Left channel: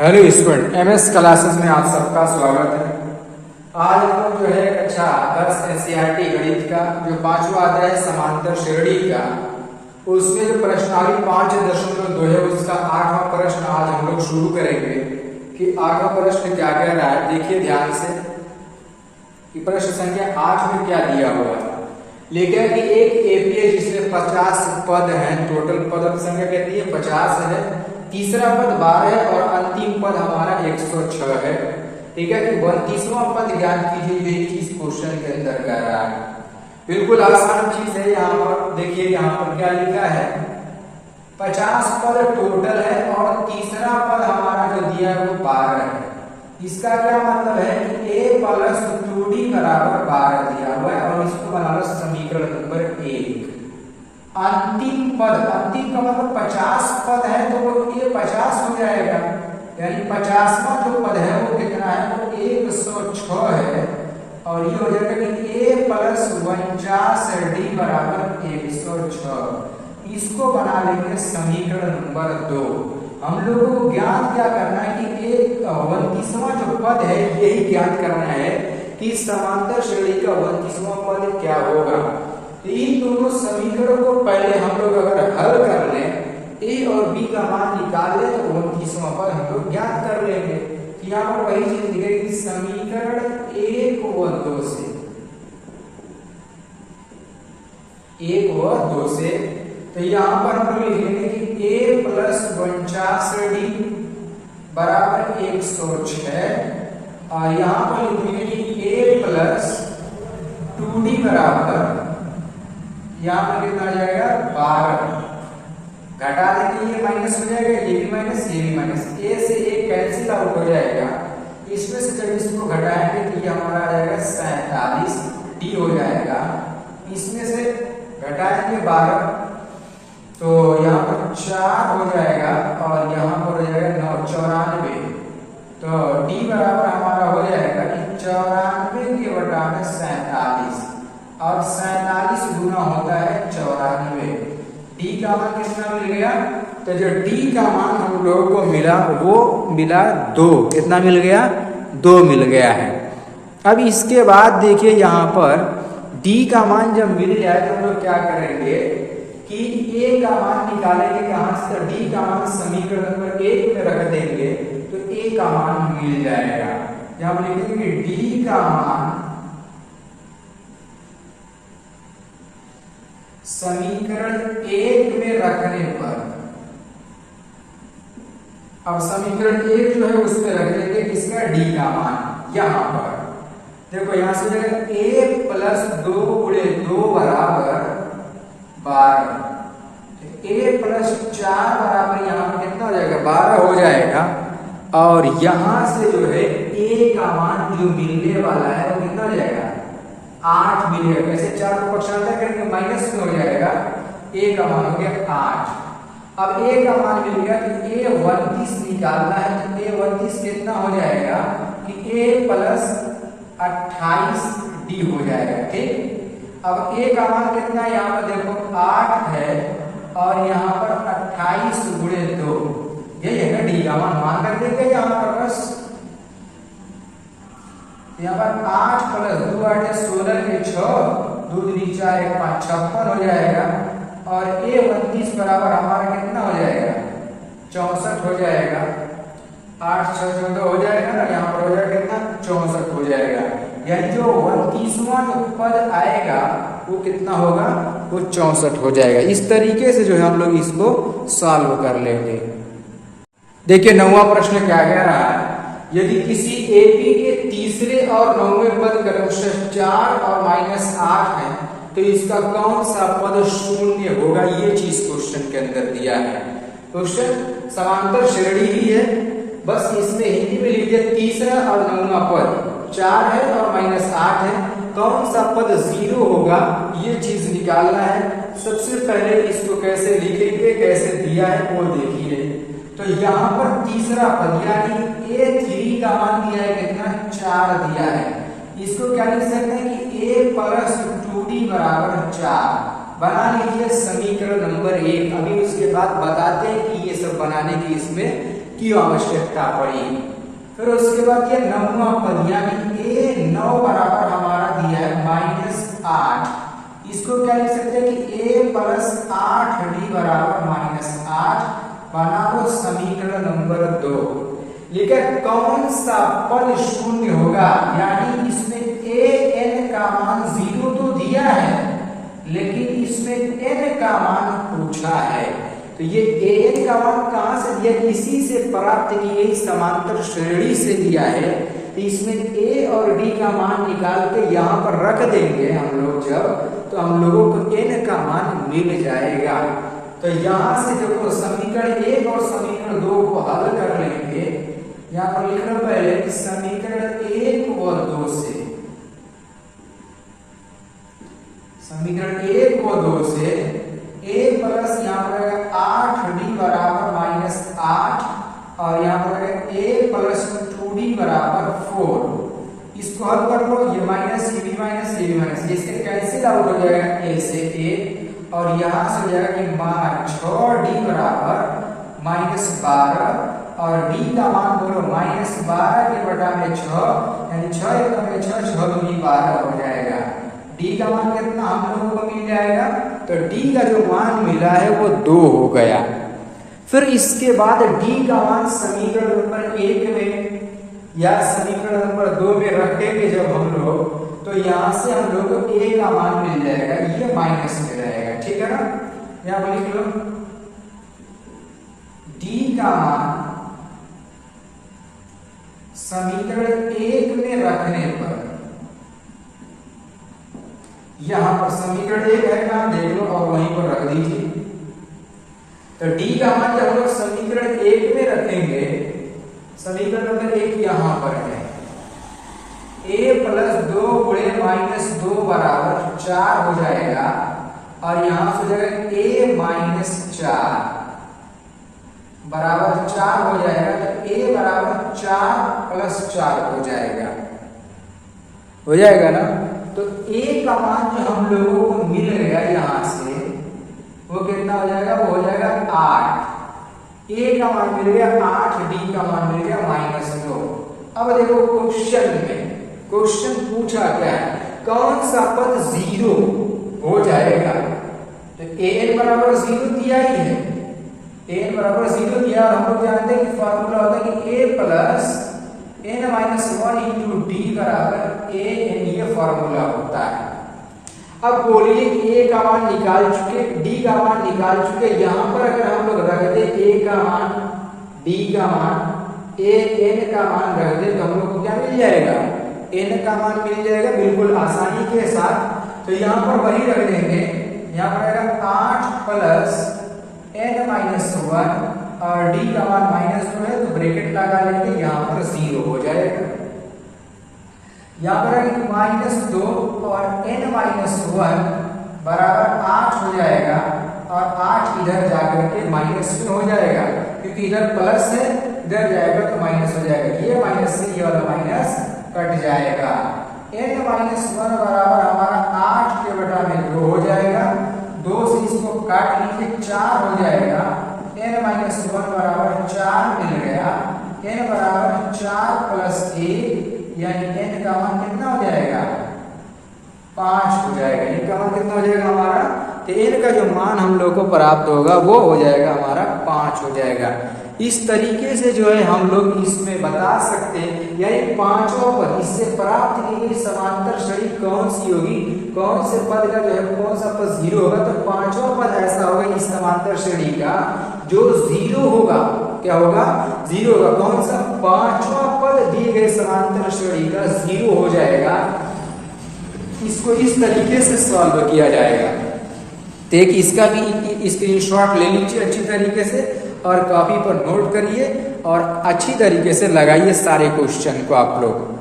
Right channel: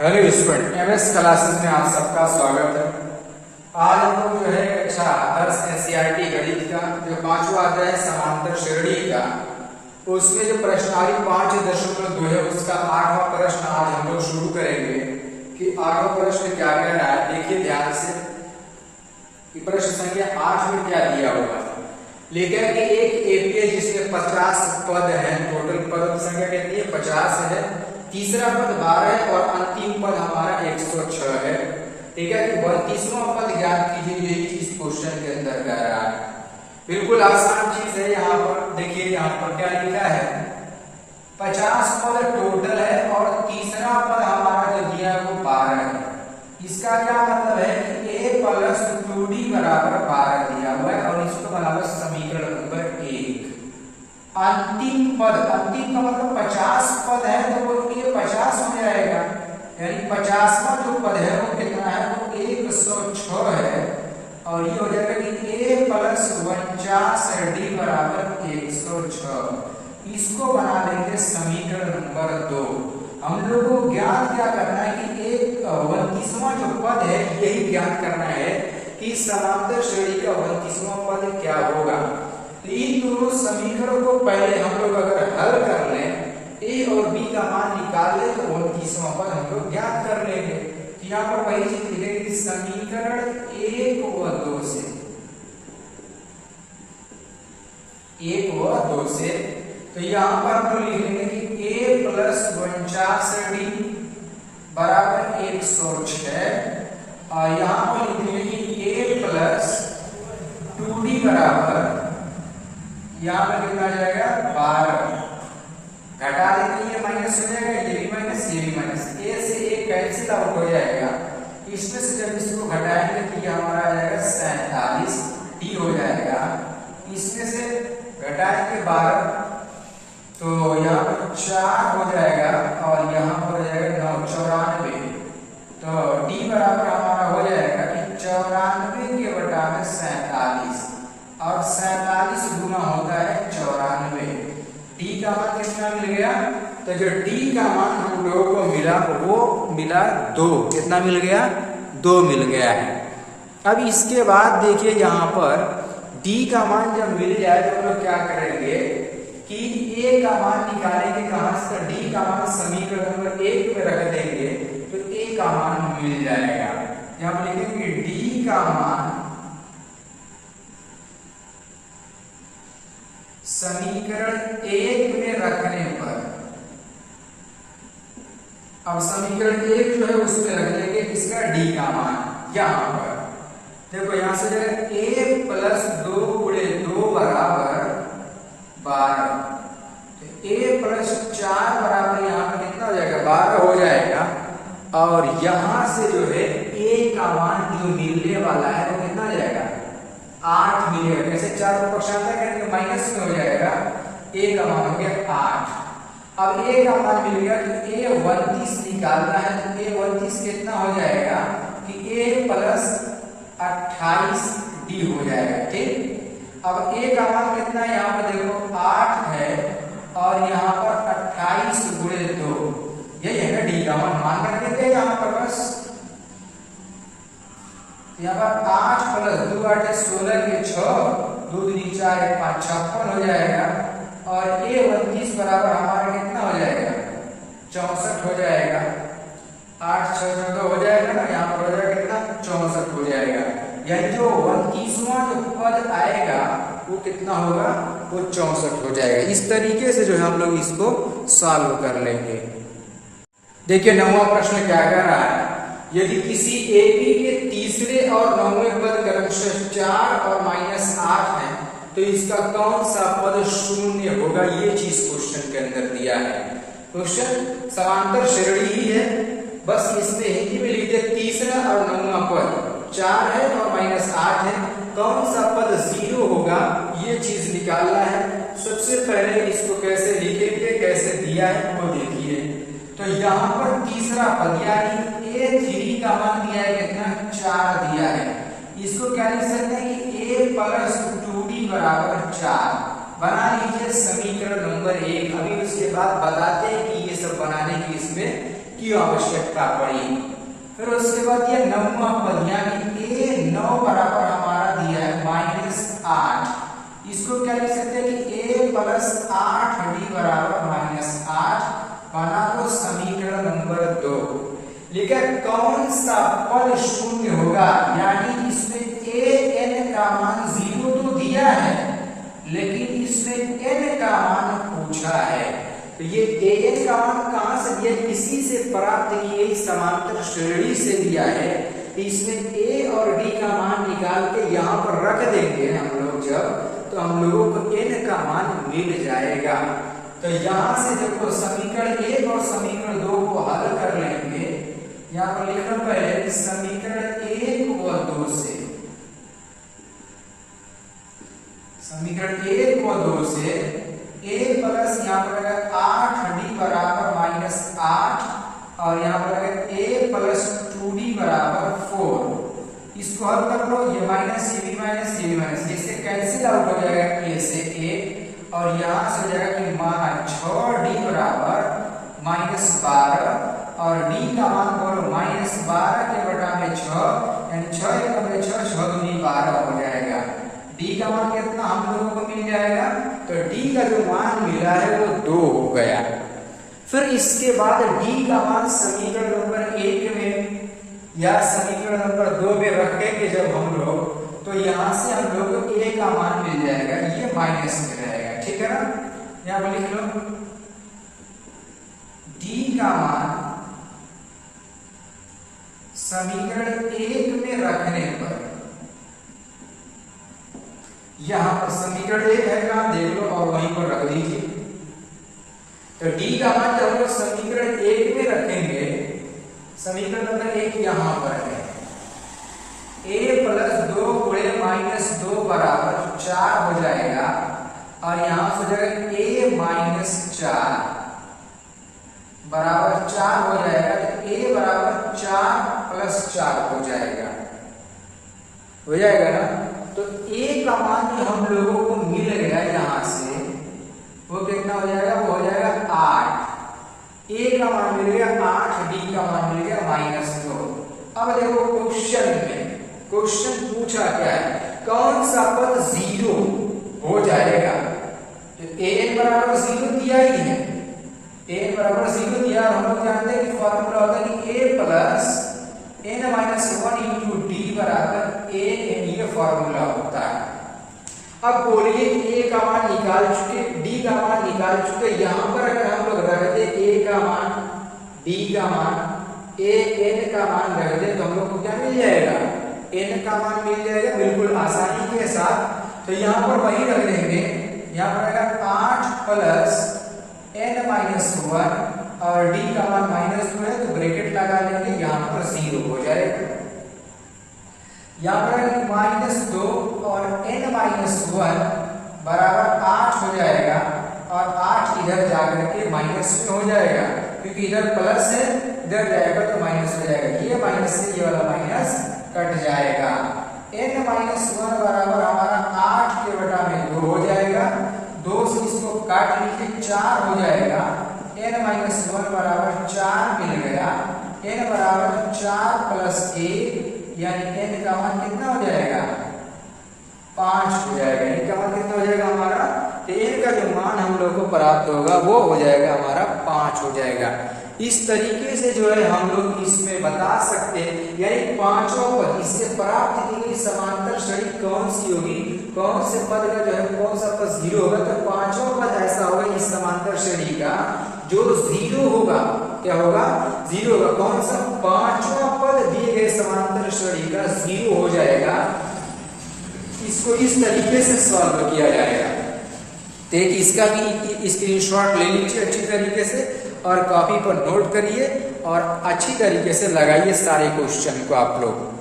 Hello student, MS classes में आप सबका स्वागत है। आज हम लोग जो है कक्षा 10 एनसीईआरटी गणित का जो 5वां अध्याय है समांतर श्रेणी का, उसमें जो प्रश्नावली 5.2 है उसका 8वां प्रश्न आज हम लोग शुरू करेंगे कि 8वां प्रश्न क्या कह रहा है। देखिए ध्यान से कि प्रश्न संख्या 8 में क्या दिया हुआ है। लेकिन कि एक एपीए जिसमें 50 पद हैं, टोटल पद संख्या कितनी है 50 है, तीसरा पद 12 है और अंतिम पद हमारा 106 है। ठीक है कि 32वां पद ज्ञात कीजिए, ये चीज क्वेश्चन के अंदर कह रहा है। बिल्कुल आसान चीज है। यहाँ पर देखिए, यहाँ पर क्या लिखा है, 50 पद टोटल है और तीसरा पद हमारा जो दिया है वो 12 है। इसका क्या मतलब है कि a प्लस 2d बराबर 12 दिया हुआ है और इसको बनाना समीकरण नंबर 1। अंतिम पद, अंतिम का मतलब 50 पद है तो ये 50 हो जाएगा, यानी 50वां जो पद है वो कितना है तो 106 है और ये हो जाएगा कि a प्लस 49d बराबर 106। इसको बना लेंगे समीकरण नंबर 2। हम लोगों को ज्ञात क्या करना है कि एक 29वां जो पद है यही ज्ञात करना है कि समांतर श्रेणी का 29वां पद क्या होगा। इन दोनों समीकरणों को पहले हम लोग अगर हल कर लें, a और b का मान निकाल लें तो 29वां पद हम लोग ज्ञात कर लेंगे। यहाँ पर वही चीज लिखेंगे कि समीकरण 1 व 2 से, 1 व 2 से, तो यहाँ पर हम लोग लिखेंगे कि a प्लस 49d बराबर 106 और यहाँ पर लिखेंगे कि a प्लस 2d बराबर, यहाँ पर कितना आ जाएगा 12, घटा देंगे ये माइनस हो जाएगा, ये भी माइनस ये भी माइनस, a से a कैंसिल आउट हो जाएगा। इसमें से जब इसको घटाएंगे तो ये हमारा आ जाएगा 47d हो जाएगा। इसमें से घटाएंगे 12 तो यहाँ पर 4 हो जाएगा और यहाँ पर हो जाएगा 9, 94। तो d बराबर हमारा हो जाएगा कि 94 के बटा में 47 और 47 गुना होता है 94। d का मान कितना मिल गया, तो जो d का मान हम लोगों को मिला वो मिला 2। कितना मिल गया, 2 मिल गया है। अब इसके बाद देखिए यहाँ पर d का मान जब मिल जाए तो हम लोग क्या करेंगे कि a का मान निकालेंगे कहां से, तो d का मान समीकरण नंबर 1 में रख देंगे तो a का मान मिल जाएगा। जब लिखेंगे d का मान समीकरण 1 में रखने पर, अब समीकरण 1 जो है उसमें रख देंगे इसमें d का मान। यहां पर देखो, यहां से a प्लस 2 गुणे 2 बराबर 12, a प्लस 4 बराबर यहाँ पर कितना हो जाएगा 12 हो जाएगा और यहां से जो है a का मान जो मिलने वाला है वो कितना हो जाएगा 8 मिलेगा। कैसे 4 को पक्षांतर करेंगे माइनस में हो जाएगा, a का मान हो गया 8। अब a का मान मिल गया कि a 29 निकालना है तो a 29 कितना हो जाएगा कि a प्लस 28d हो जाएगा। ठीक, अब a का मान कितना है यहाँ पर देखो 8 है और यहाँ पर 28 गुणे 2, यही है ना d का मान रख देंगे यहाँ पर बस। यहाँ पर 8 प्लस 2 8 16 के 6, 2 दूनी 4 1 5 56 हो जाएगा और a 29 बराबर हमारा कितना हो जाएगा 64 हो जाएगा। 8 6 14 हो जाएगा ना, यहाँ पर हो जाएगा कितना 64 हो जाएगा। यानी जो 29वां जो पद आएगा वो कितना होगा, वो 64 हो जाएगा। इस तरीके से जो है हम लोग इसको सॉल्व कर लेंगे। देखिए 9वां प्रश्न क्या कह रहा है, यदि किसी एपी के तीसरे और 9वें पद क्रमशः 4 और -8 है तो इसका कौन सा पद शून्य होगा, ये चीज क्वेश्चन के अंदर दिया है। क्वेश्चन समांतर श्रेणी ही है, बस इसमें हिंदी में लिख दिया तीसरा और 9वां पद 4 है और -8 है, कौन सा पद 0 होगा ये चीज निकालना है। सबसे पहले इसको कैसे लिखेंगे, कैसे दिया है वो देखिए। तो यहाँ पर तीसरा पद यानी a3 का मान दिया है कितना 4 दिया है। इसको क्या लिख सकते हैं कि a प्लस 2d बराबर 4 बना लीजिए समीकरण नंबर 1। अभी उसके बाद बताते हैं कि ये सब बनाने की इसमें की आवश्यकता पड़ी। फिर उसके बाद ये 9वां पद यानी a 9 बराबर हमारा दिया है -8। इसको क्या लिख सकते हैं कि a प्लस 8d बराबर -8 बना तो समीकरण नंबर 2। लेकिन कौन सा पद शून्य होगा, यानी इसमें a n का मान 0 तो दिया है लेकिन इसमें n का मान पूछा है। तो ये an का मान कहां से दिया, इसी से प्राप्त की गई समांतर श्रेणी से लिया है। तो इसमें a और d का मान निकाल के यहाँ पर रख देंगे हम लोग जब, तो हम लोगों को n का मान मिल जाएगा। तो यहाँ से देखो समीकरण 1 और समीकरण 2 को हल कर लेंगे। यहाँ पर लिख लो पहले कि समीकरण 1 और 2 से, समीकरण 1 और 2 से a प्लस यहाँ पर 8d बराबर -8 और यहाँ पर a प्लस 2d बराबर 4। इसको हल कर लो, ये माइनस ये भी माइनस ये भी माइनस, इससे कैंसिल आउट हो जाएगा a से a और यहाँ से हो जाएगा कि मान 6d बराबर -12 और d का मान बोलो -12 के बटा में 6 यानी 6 एकम में 6 6 दूनी 12 हो जाएगा। d का मान कितना हम लोगों को मिल जाएगा, तो d का जो मान मिला है वो 2 हो गया। फिर इसके बाद d का मान समीकरण नंबर 1 में या समीकरण नंबर 2 में रखेंगे जब हम लोग, तो यहाँ से हम लोग को a का मान मिल जाएगा, ये माइनस में रहेगा, ठीक है ना। यहाँ पर लिख लो d का मान समीकरण 1 में रखने पर, यहां पर समीकरण 1 है ना, देख लो और वहीं पर रख दीजिए। तो d का मान जब हम समीकरण 1 में रखेंगे, समीकरण नंबर 1 यहां पर है a प्लस 2 गुणे -2 बराबर 4 हो जाएगा और यहां से हो जाएगा a माइनस 4 बराबर 4 हो जाएगा। तो a बराबर 4 प्लस 4 हो जाएगा ना। तो a का मान जो हम लोगों को मिल गया यहां से वो कितना हो जाएगा, वो हो जाएगा 8। a का मान मिल गया 8, d का मान मिल गया -2। अब देखो क्वेश्चन पूछा क्या है, कौन सा पद 0 हो जाएगा। तो an बराबर 0 दिया ही है, an बराबर 0 दिया और हम लोग जानते हैं कि फॉर्मूला होता है कि a plus n-1 into d बराबर a n, ये फॉर्मूला होता है। अब बोलिए a का मान निकाल चुके, d का मान निकाल चुके, यहां पर अगर हम लोग रख दे a का मान, d का मान, a n का मान रख दे तो हम लोग को क्या मिल जाएगा, n का मान मिल जाएगा बिल्कुल आसानी के साथ। तो यहां पर वही रख देंगे, यहां पर आएगा 8 प्लस n-1 और d का मान -2 है तो ब्रैकेट लगा लेंगे, यहां पर 0 हो जाएगा। यहां पर -2 और n-1 बराबर 8 हो जाएगा और 8 इधर जाकर के माइनस में हो जाएगा, क्योंकि इधर प्लस है इधर जाएगा तो माइनस हो जाएगा। ये माइनस से ये वाला माइनस कट जाएगा। n-1 बराबर हमारा 8 के बटा में 2 हो जाएगा, 2 से इसको काट लीजिए 4 हो जाएगा। n-1 बराबर 4 मिल गया, n बराबर 4 प्लस 1 यानी n का मान कितना हो जाएगा, 5 हो जाएगा। n का मान कितना हो जाएगा हमारा, तो n का जो मान हम लोग को प्राप्त होगा वो हो जाएगा हमारा 5 हो जाएगा। इस तरीके से जो है हम लोग इसमें बता सकते हैं, यानी पांचों पद इससे प्राप्त की गई समांतर श्रेणी कौन सी होगी, कौन से पद का जो है कौन सा पद 0 होगा। तो पांचों पद ऐसा होगा इस समांतर श्रेणी का जो 0 होगा, क्या होगा, 0 होगा। कौन सा, पांचवा पद दिए गए समांतर श्रेणी का 0 हो जाएगा। इसको इस तरीके से सॉल्व किया जाएगा। देखिए इसका स्क्रीनशॉट ले लीजिए अच्छी तरीके से और कॉपी पर नोट करिए और अच्छी तरीके से लगाइए सारे क्वेश्चन को आप लोग।